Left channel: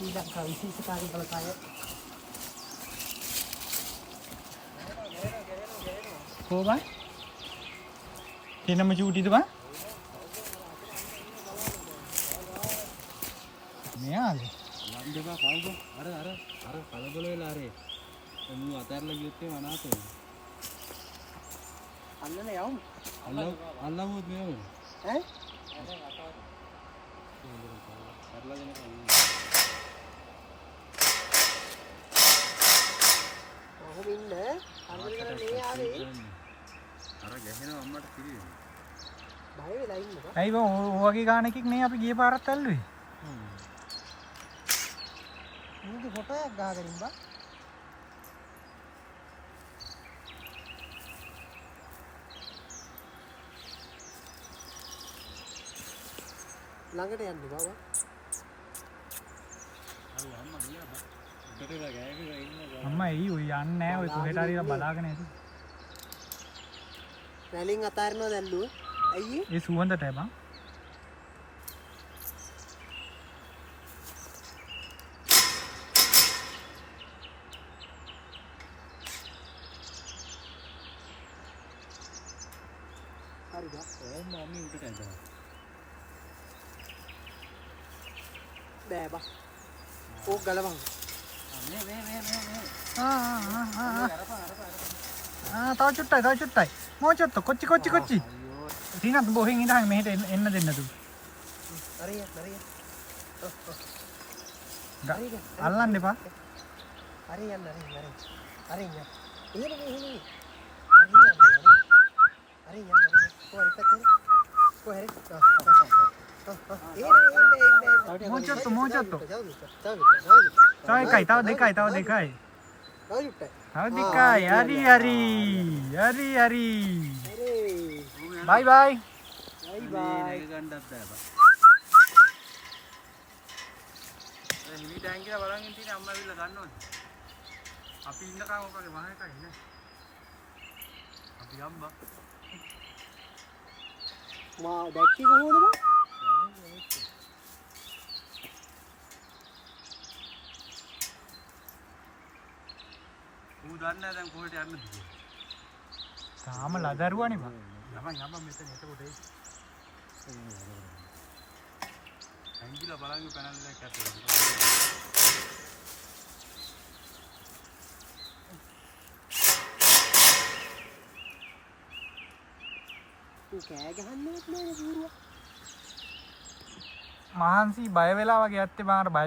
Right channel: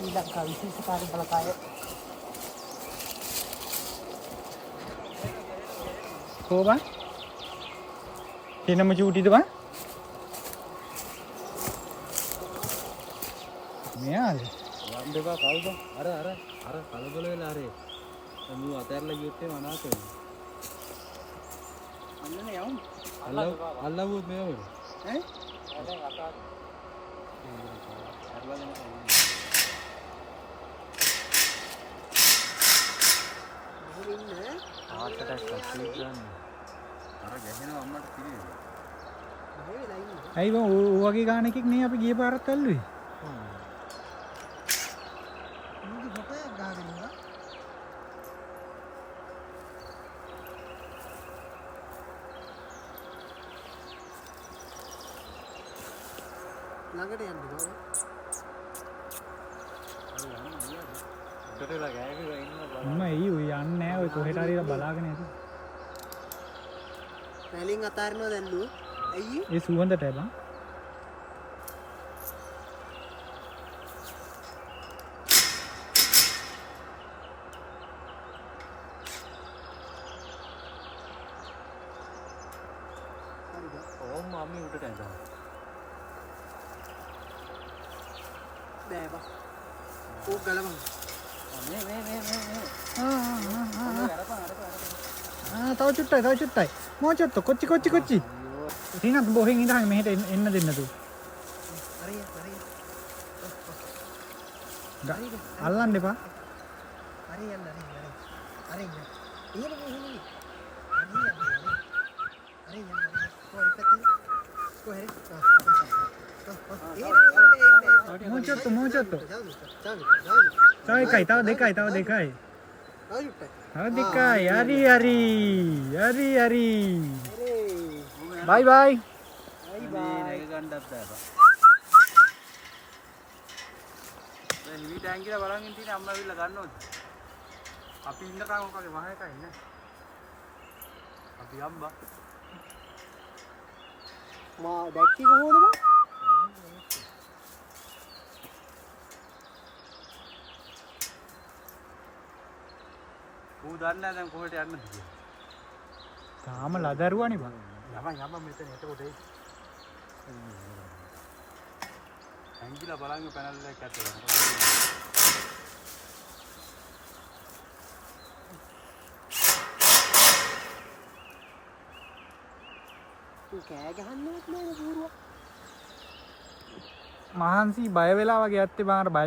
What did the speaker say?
ලංකා විශේෂකාරී බලකාය කොහොමද? කිනම චූටිද බං? මෙයාද? වන්දේවා කවුද? අර කලබල වෙලා අරේ. මූ අතහැරලා ගියොත් එම අනාථ වෙනවා. අල්ලන යවමු. අල්ලවුවොත් මේවද? ඈ? දැන් අතාරින්. අරවලම කන්නේ. මොහොම ඉන්න අල්ලගෙන මේ ආවේ. අර ගැහෙනවා අම්මට පිළිවෙල. බය වෙලා ඉන්නේ. ඇයි බං ඌ වගේ ගානකින් නේ අපි ගිය පාරත් අල්ලුවේ? මුගේ ෆොටෝ එකක් ගහගෙන ඉන්නවා. ළඟට යන්න බා. අර අම්මා ගියා බා. උඩට වෙලා ගෑවිලා ඉන්නවා. අම්මා එයි ඌ යන්නේ නැහැ. ඔය කොහෙට හරි බලාගෙන ඉන්න. රැලින් අතාරිනවා දැන් ලුව. අයියේ ඒ සුවඳට බං. හරිද? ඕම් මම්මි උඩට ඇඳලා. බෑ බා. ඕක ගලවන්න. තව චුට්ටයි. මොචොත්ත කොච්චි. රිනත් බොහෙන් ඉඳන් මෙහෙට එන්න දෙන්න තු. හරිය. අල්ලන්න එපා. හරි යන්න. හරි යන්න. එහෙම. හරි යන්න. කොහරි පැත්තේ. කොහරි. මොචොත්ත. තව තව දෙකයි. තව චුට්ටයි. හරි. බයි. බයි. නේක ගන්නත් බෑ. දැන් හිමි ටැංකිය බලන් ඉන්න තියෙන අම්මා ඇවිල්ලා ගන්නවද? අපි ඉන්නකම් ඔකගේ වහ එකයි නේ. අපි අම්බා. මා දැක්කේ කොහොමද බං? ඌ දන්නේ නැහැ දැන් කොහෙට යන්නද කියලා. තාම ලදරුවානේ බං. යම මෙතන එතකොට ඒ ඇංගිලා බලන් පැනල් එක ඇතුලේ. ඌ කෑ ගහන්නවත් නෑනේ බූරුවා. මහන්සි බය වෙලා වගේ ඇත්තේ බං අර බය